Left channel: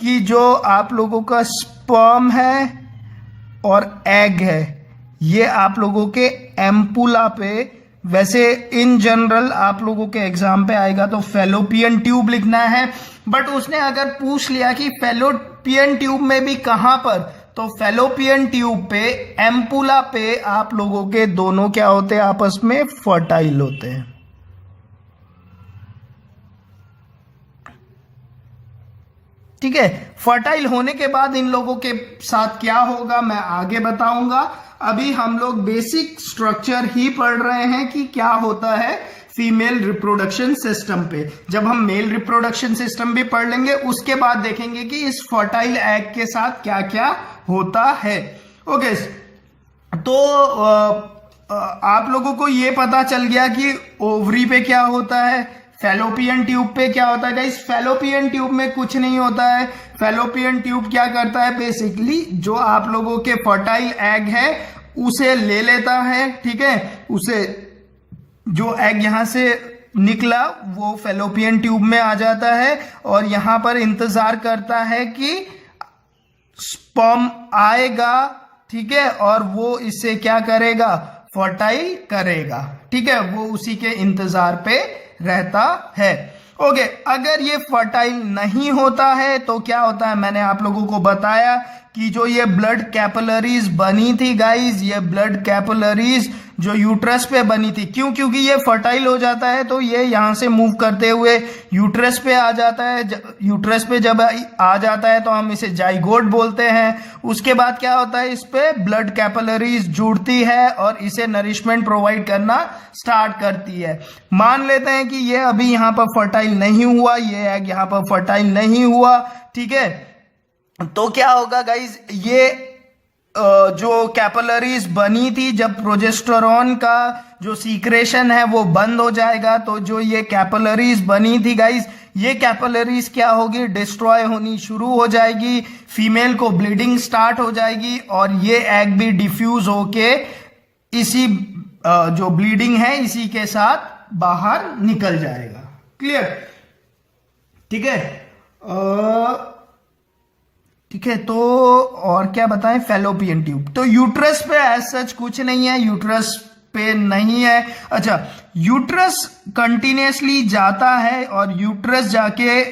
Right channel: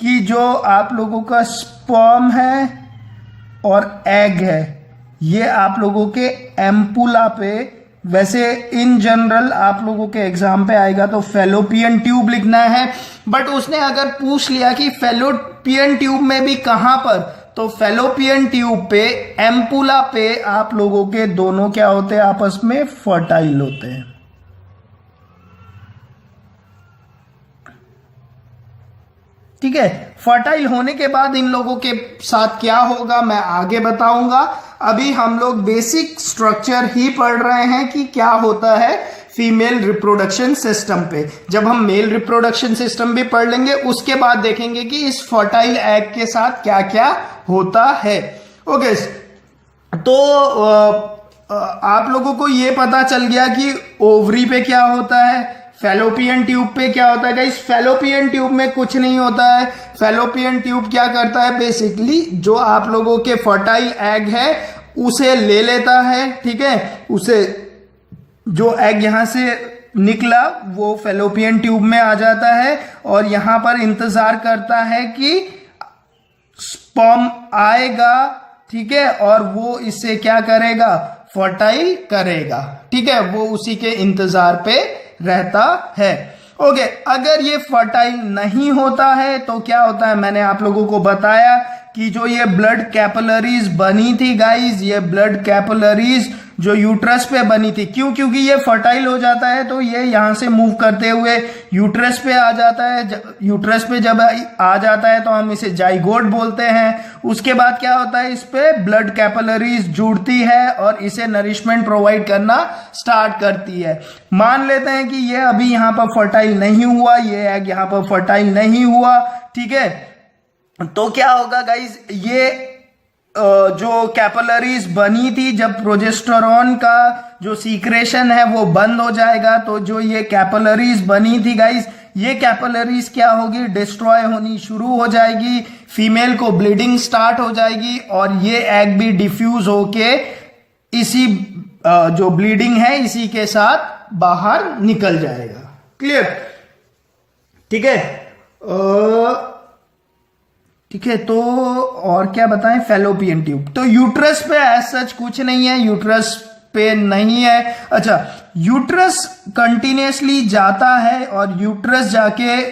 कि जो आप लोगों का स्पर्म है और एग है ये आप लोगों के एम्पुला पे, वैसे इन जनरल आप लोगों के एग्जाम पे आएगा तो फैलोपियन ट्यूब लिखना है, बट उसने अगर पूछ लिया कि फैलोपियन ट्यूब में भी कहां पर, तो फैलोपियन ट्यूब पे, एम्पुला पे आप लोगों के दोनों क्या होते हैं, आपस में फर्टाइल होते हैं। ठीक है, फर्टाइल होने के बाद इन लोगों के साथ क्या होगा मैं आगे बताऊंगा। अभी हम लोग बेसिक स्ट्रक्चर ही पढ़ रहे हैं कि क्या होता है फीमेल रिप्रोडक्शन सिस्टम पे। जब हम मेल रिप्रोडक्शन सिस्टम भी पढ़ लेंगे उसके बाद देखेंगे कि इस फर्टाइल एग के साथ क्या क्या होता है। ओके, तो आप लोगों को ये पता चल गया कि ओवरी पे क्या होता है, फैलोपियन ट्यूब पे क्या होता है। गाइस फैलोपियन ट्यूब में कुछ नहीं होता है। फैलोपियन ट्यूब क्या करता है, बेसिकली जो आप लोगों के फर्टाइल एग है उसे ले लेता है। ठीक है, उसे जो एग यहां से निकला वो फैलोपियन ट्यूब में आ जाता है और यहां पर इंतजार करता है कि स्पर्म आएगा। ठीक है, और वो इससे क्या करेगा, फर्टाइल करेगा। ठीक है, वो उसी के इंतजार पे रहता है। ओके, अगर ये फर्टाइल नहीं होता है तो क्या होता है, मैंने आप लोगों को बताया कि जो ये ब्लड कैपिलरीज बनी थी गाइस, ये ब्लड कैपिलरीज जो यूट्रस पे बनी थी, क्योंकि ये फर्टाइल हो जाता है तो ये यहां से मूव करते हुए यूट्रस पे आ जाता है। यूट्रस पे जब आ जाता है तो हम इसे जाइगोट बोलते हैं। उसके बाद क्या होता है, इस पे ब्लड कैपिलरीज जुड़ती है और इसे नरिशमेंट प्रोवाइड करना स्टार्ट करती है। मान लेते हैं कि ये अभी यहां पर फर्टाइल नहीं हुआ, ये एग यहां पर फर्टाइल नहीं हुआ। ठीक है, तो क्या होगा गाइज, ये जो कैपिलरीज बनी थी, जब प्रोजेस्टेरोन का जो सीक्रेशन है वो बंद हो जाएगा तो जो ये कैपिलरीज बनी थी गाइज, ये कैपिलरीज क्या होगी, डिस्ट्रॉय होनी शुरू हो जाएगी। फीमेल को ब्लीडिंग स्टार्ट हो जाएगी और ये एग भी डिफ्यूज होके इसी जो ब्लीडिंग है इसी के साथ बाहर निकल जाएगा। क्लियर? ठीक है, ठीक है, तो और क्या बताएं, फैलोपियन ट्यूब। तो यूट्रस पे एज सच कुछ नहीं है, यूट्रस पे नहीं है। अच्छा, यूट्रस कंटिन्यूसली जाता है और यूट्रस जाके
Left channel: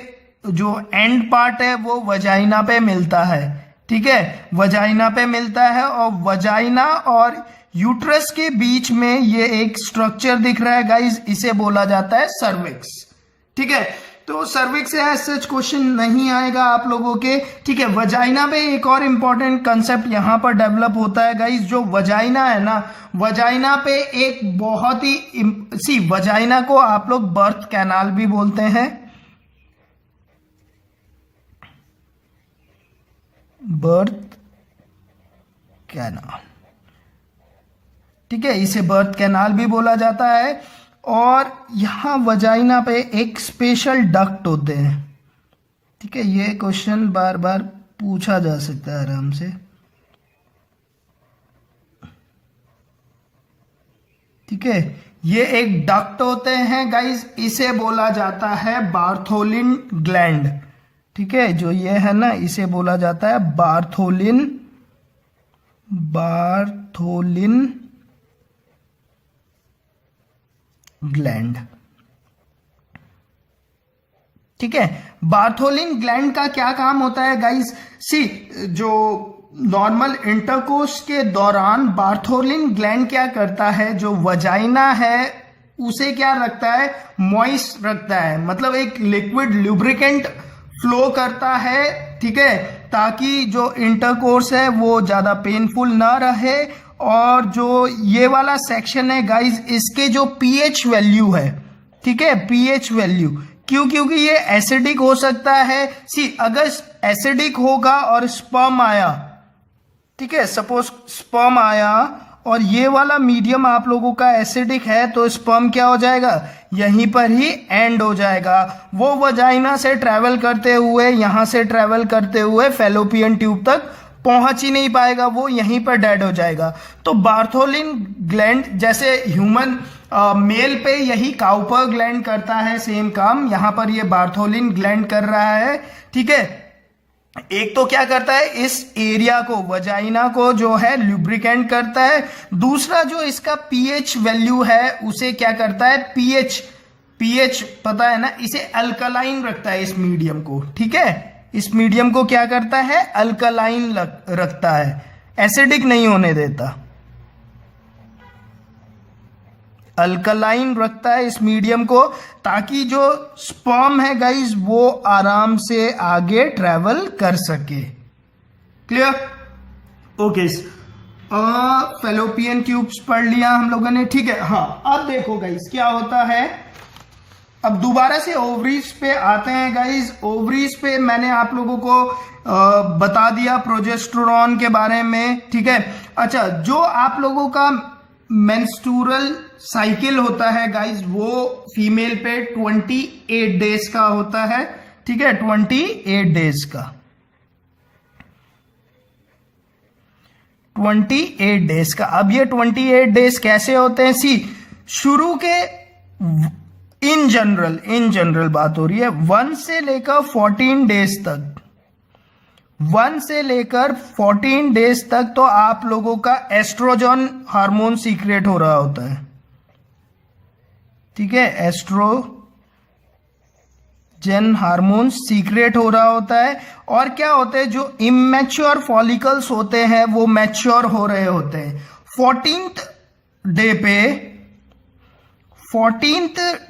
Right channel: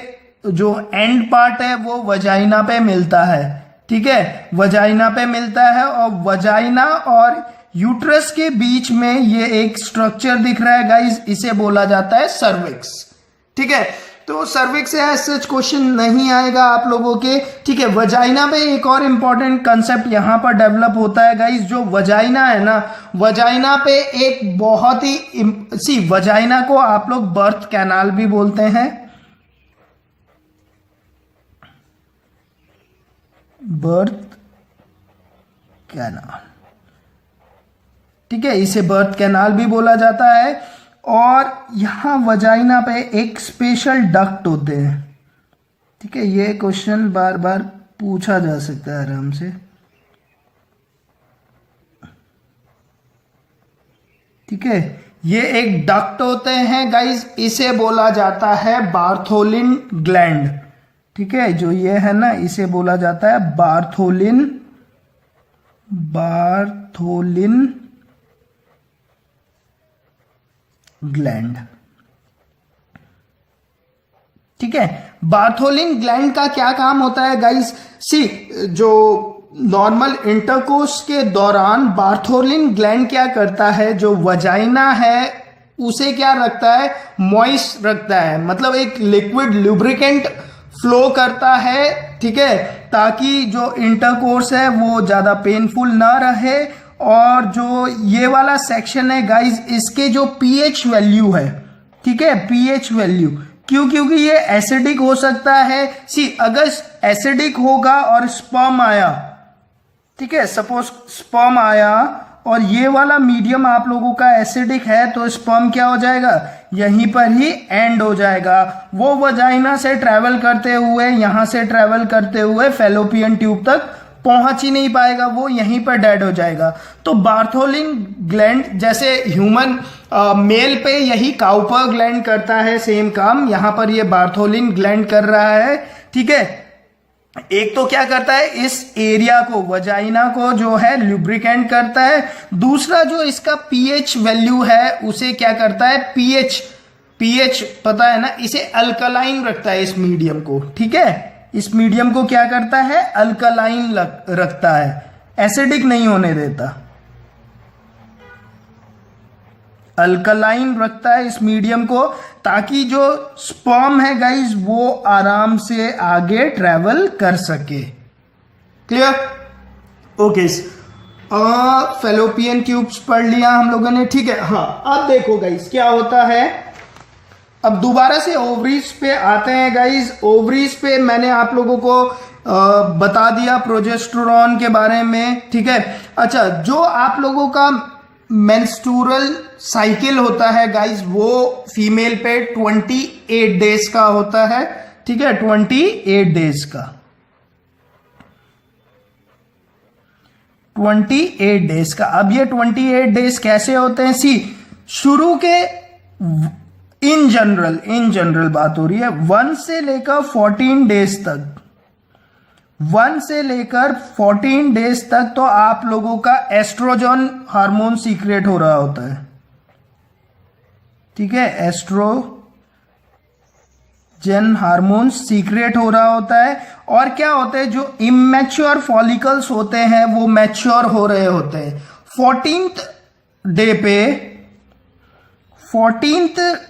जो एंड पार्ट है वो वजाइना पे मिलता है। ठीक है, वजाइना पे मिलता है और वजाइना और यूट्रस के बीच में ये एक स्ट्रक्चर दिख रहा है गाइज, इसे बोला जाता है सर्विक्स। ठीक है, तो सर्विक्स से एज सच क्वेश्चन नहीं आएगा आप लोगों के। ठीक है, वजाइना पे एक और इंपॉर्टेंट कंसेप्ट यहां पर डेवलप होता है गाइस। जो वजाइना है ना, वजाइना पे एक बहुत ही वजाइना को आप लोग बर्थ कैनाल भी बोलते हैं। बर्थ कैनाल, ठीक है, इसे बर्थ कैनाल भी बोला जाता है। और यहां वजाइना पे एक स्पेशल डक्ट होते हैं। ठीक है, ये क्वेश्चन बार बार पूछा जा सकता है आराम से। ठीक है, ये एक डक्ट होते हैं गाइस, इसे बोला जाता है बार्थोलिन ग्लैंड। ठीक है, जो ये है ना इसे बोला जाता है बार्थोलिन ग्लैंड। ठीक है, बार्थोलिन ग्लैंड का क्या काम होता है गाइस, जो नॉर्मल इंटरकोर्स के दौरान बार्थोलिन ग्लैंड क्या करता है, जो वजाइना है उसे क्या रखता है, मॉइस्ट रखता है, मतलब एक लिक्विड लुब्रिकेंट फ्लो करता है। ठीक है, ताकि जो इंटरकोर्स है वो ज्यादा पेनफुल ना रहे। और जो ये वाला सेक्शन है गाइस, इसके जो पीएच वैल्यू है, ठीक है, पीएच वैल्यू, क्योंकि ये एसिडिक हो सकता है। अगर एसिडिक होगा और स्पर्म आया, ठीक है, सपोज स्पर्म आया और ये वाला मीडियम आप लोगों का एसिडिक है तो स्पर्म क्या हो जाएगा, यहीं पर ही एंड हो जाएगा। वो वजाइना से ट्रेवल करते हुए, यहां से ट्रेवल करते हुए फैलोपियन ट्यूब तक पहुंच ही नहीं पाएगा, वो यहीं पर डेड हो जाएगा। तो बार्थोलिन ग्लैंड, जैसे ह्यूमन मेल पे यही काउपर ग्लैंड करता है सेम काम, यहां पर ये बार्थोलिन ग्लैंड कर रहा है। ठीक है, एक तो क्या करता है, इस एरिया को, वजाइना को जो है लुब्रिकेंट करता है। दूसरा जो इसका पीएच वैल्यू है उसे क्या करता है, पीएच पता है ना, इसे अल्कलाइन रखता है इस मीडियम को। ठीक है, इस मीडियम को क्या करता है, अल्कलाइन रखता है, एसिडिक नहीं होने देता, अल्कलाइन रखता है इस मीडियम को, ताकि जो स्पर्म है गाइज वो आराम से आगे ट्रेवल कर सके। क्लियर? ओके, फेलोपियन ट्यूब्स पढ़ लिया हम लोगों ने। ठीक है, हाँ अब देखो गाइज क्या होता है। अब दोबारा से ओवरीज पे आते हैं गाइज। ओवरीज पे मैंने आप लोगों को बता दिया प्रोजेस्टेरोन के बारे में। ठीक है, अच्छा, जो आप लोगों का मेंस्ट्रुअल साइकिल होता है गाइज वो फीमेल पे 28 डेज का होता है। ठीक है, 28 डेज का, 28 डेज का। अब ये 28 डेज कैसे होते हैं, सी शुरू के इन जनरल बात हो रही है, 1 से लेकर 14 डेज तक, 1 से लेकर 14 डेज तक तो आप लोगों का एस्ट्रोजन हार्मोन सीक्रेट हो रहा होता है। ठीक है, एस्ट्रोजन हार्मोन सीक्रेट हो रहा होता है। और क्या होता है, जो इमेच्योर फॉलिकल्स होते हैं वो मैच्योर हो रहे होते हैं। 14th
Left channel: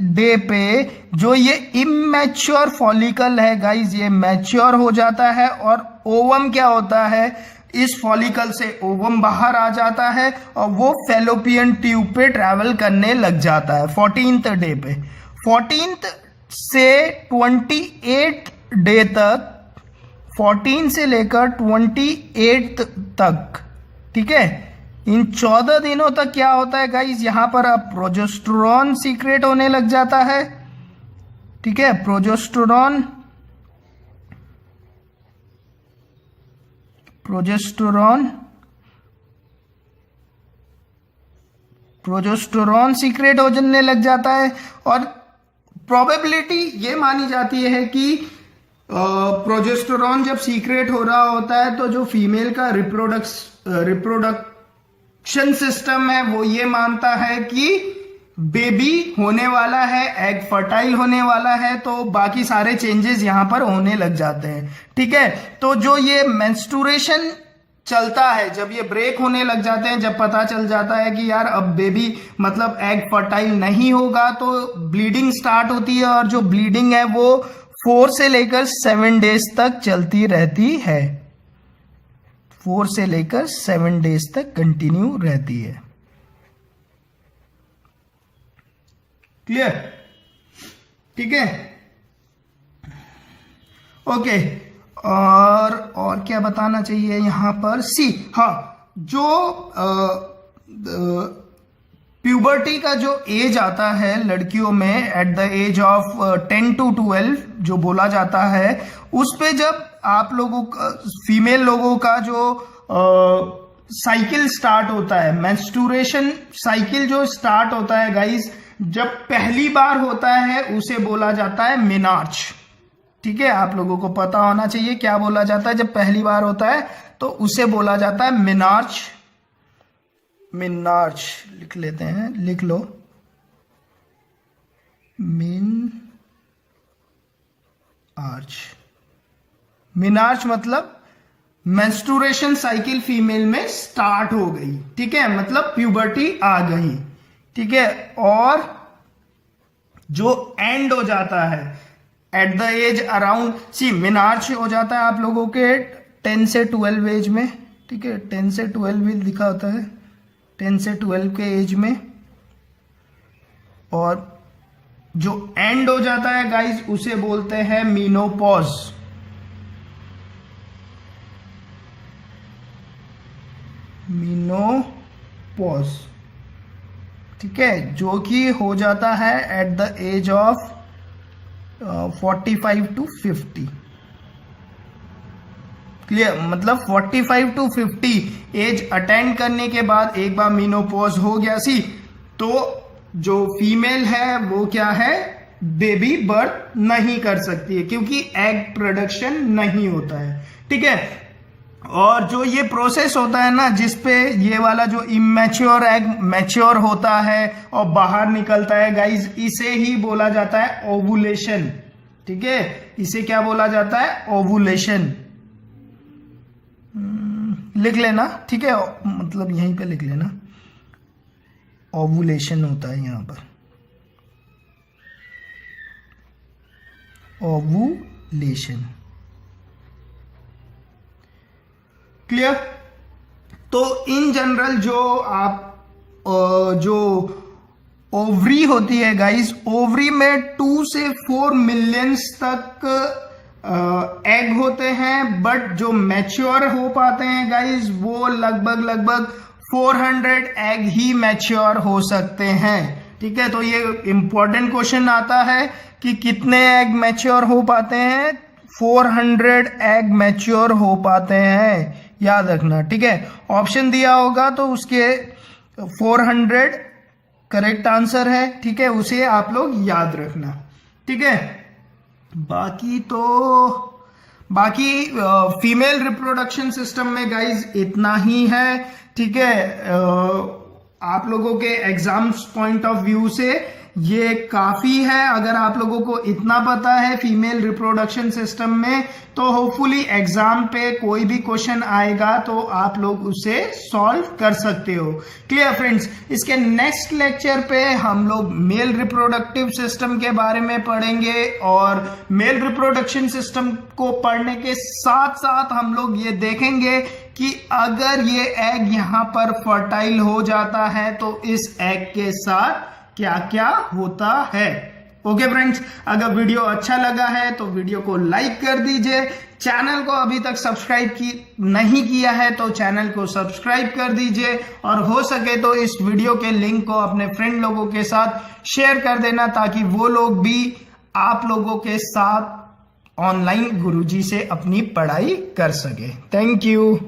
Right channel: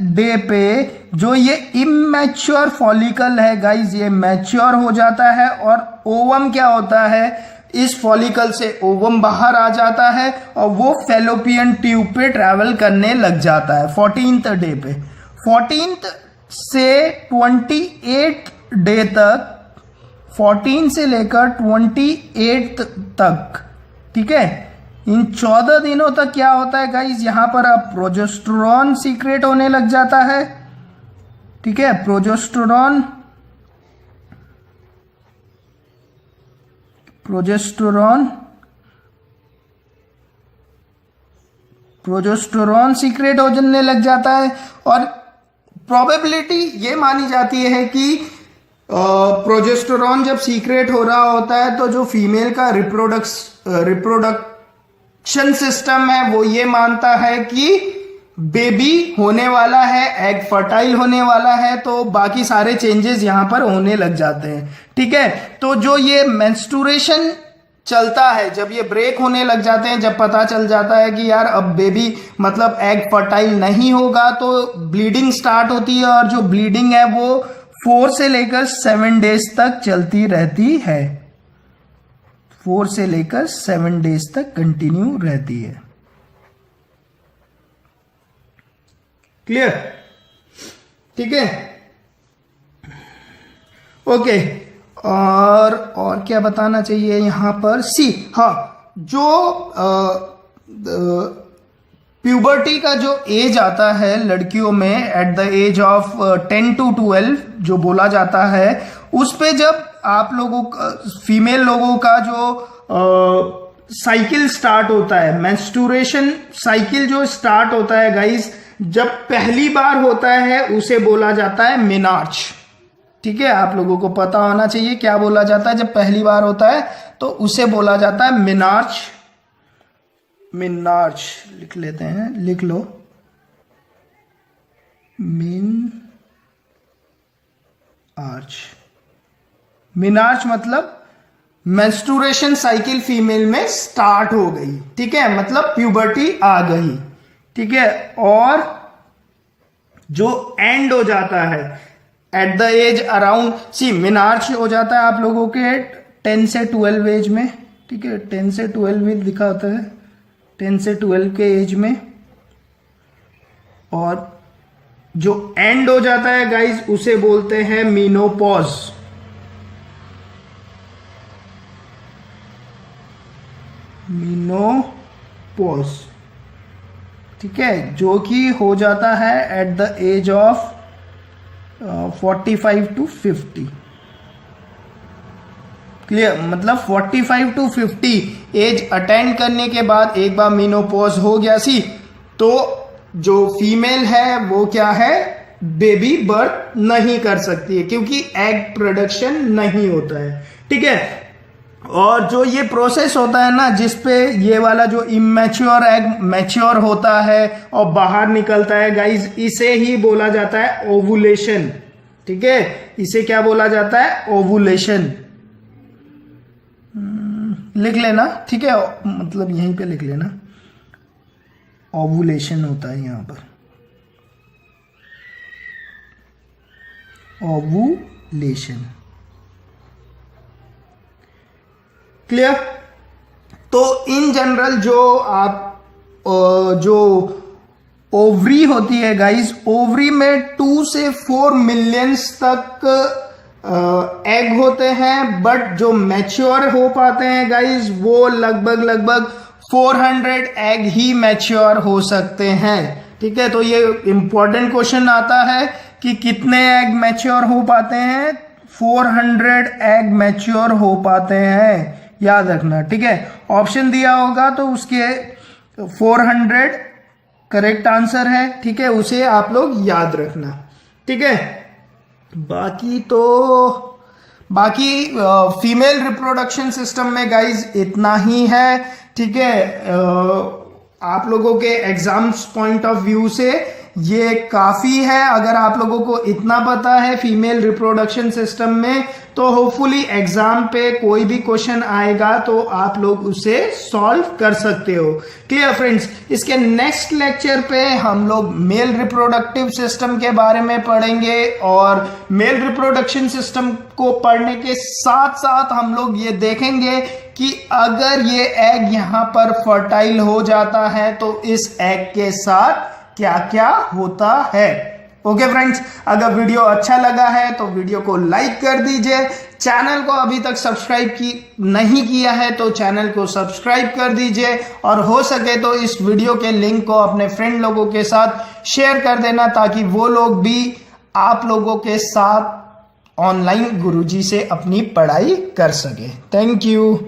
डे पे जो ये इमेच्योर फॉलिकल है गाइज ये मैच्योर हो जाता है, और ओवम क्या होता है, इस फॉलिकल से ओवम बाहर आ जाता है और वो फेलोपियन ट्यूब पे ट्रैवल करने लग जाता है 14th डे पे। 14th से 28 डे तक, 14 से लेकर 28 तक, ठीक है, इन 14 दिनों तक क्या होता है गाइज, यहां पर अब प्रोजेस्टेरोन सीक्रेट होने लग जाता है। ठीक है, प्रोजेस्टेरोन सीक्रेट होने लग जाता है। और प्रोबेबिलिटी ये मानी जाती है कि प्रोजेस्टेरोन जब सीक्रेट हो रहा होता है तो जो फीमेल का रिप्रोडक्शन सिस्टम है वो ये मानता है कि बेबी होने वाला है, एग फर्टाइल होने वाला है, तो बाकी सारे चेंजेस यहां पर होने लग जाते हैं। ठीक है, तो जो ये मेंस्ट्रुएशन चलता है, जब ये ब्रेक होने लग जाते हैं, जब पता चल जाता है कि यार अब बेबी मतलब एग फर्टाइल नहीं होगा, तो ब्लीडिंग स्टार्ट होती है, और जो ब्लीडिंग है वो 4 से लेकर 7 डेज तक चलती रहती है। 4 से लेकर 7 डेज तक कंटिन्यू रहती है। क्लियर? ठीक है, ओके। और क्या बताना चाहिए यहां पर, सी, हाँ, जो प्यूबर्टी का जो एज आता है लड़कियों में at the age of 10 to 12 जो बोला जाता है, उस पे जब आप लोगों का, फीमेल लोगों का जो साइकिल स्टार्ट होता है, मेंस्ट्रुएशन साइकिल जो स्टार्ट होता है गाइज, जब पहली बार होता है उसे बोला जाता है मेनार्च। ठीक है, आप लोगों को पता होना चाहिए क्या बोला जाता है जब पहली बार होता है, तो उसे बोला जाता है मेनार्च। लिख लेते हैं, लिख लो, मेनार्च मतलब मेंस्ट्रुएशन साइकिल फीमेल में स्टार्ट हो गई। ठीक है, मतलब प्यूबर्टी आ गई। ठीक है, और जो एंड हो जाता है at the age around, see, menarche हो जाता है आप लोगों के 10 से 12 एज में। ठीक है, 10 से 12 में लिखा होता है, 10 से 12 के एज में। और जो एंड हो जाता है गाइज उसे बोलते हैं मीनोपॉज। ठीक है, जो कि हो जाता है at the age of 45 to 50। Clear? मतलब 45 to 50 एज अटेंड करने के बाद एक बार मीनोपॉज हो गया सी, तो जो फीमेल है वो क्या है, बेबी बर्थ नहीं कर सकती है, क्योंकि एग प्रोडक्शन नहीं होता है। ठीक है। और जो ये प्रोसेस होता है ना, जिसपे ये वाला जो इमेच्योर एग मैच्योर होता है और बाहर निकलता है गाइज, इसे ही बोला जाता है ओवुलेशन। ठीक है, इसे क्या बोला जाता है? ओवुलेशन। लिख लेना, ठीक है, मतलब यहीं पे लिख लेना, ओवुलेशन होता है यहां पर, ओवुलेशन। क्लियर? तो इन जनरल जो ओवरी होती है गाइस, ओवरी में 2 से 4 मिलियंस तक एग होते हैं, बट जो मैच्योर हो पाते हैं गाइस वो लगभग 400 एग ही मैच्योर हो सकते हैं। ठीक है, तो ये इंपॉर्टेंट क्वेश्चन आता है कि कितने एग मैच्योर हो पाते हैं? 400 एग मैच्योर हो पाते हैं, याद रखना। ठीक है, ऑप्शन दिया होगा तो उसके 400 करेक्ट आंसर है। ठीक है, उसे आप लोग याद रखना। ठीक है, बाकी फीमेल रिप्रोडक्शन सिस्टम में गाइज इतना ही है। ठीक है, आप लोगों के एग्जाम्स पॉइंट ऑफ व्यू से ये काफी है। अगर आप लोगों को इतना पता है फीमेल रिप्रोडक्शन सिस्टम में, तो होपफुली एग्जाम पे कोई भी क्वेश्चन आएगा तो आप लोग उसे सॉल्व कर सकते हो। Clear friends? इसके नेक्स्ट लेक्चर पे हम लोग मेल रिप्रोडक्टिव सिस्टम के बारे में पढ़ेंगे, और मेल रिप्रोडक्शन सिस्टम को पढ़ने के साथ साथ हम लोग ये देखेंगे कि अगर ये एग यहां पर फर्टाइल हो जाता है तो इस एग के साथ क्या क्या होता है। ओके फ्रेंड्स, अगर वीडियो अच्छा लगा है तो वीडियो को लाइक कर दीजिए। चैनल को अभी तक सब्सक्राइब नहीं किया है तो चैनल को सब्सक्राइब कर दीजिए, और हो सके तो इस वीडियो के लिंक को अपने फ्रेंड लोगों के साथ शेयर कर देना, ताकि वो लोग भी आप लोगों के साथ ऑनलाइन गुरुजी से अपनी पढ़ाई कर सके। Thank you.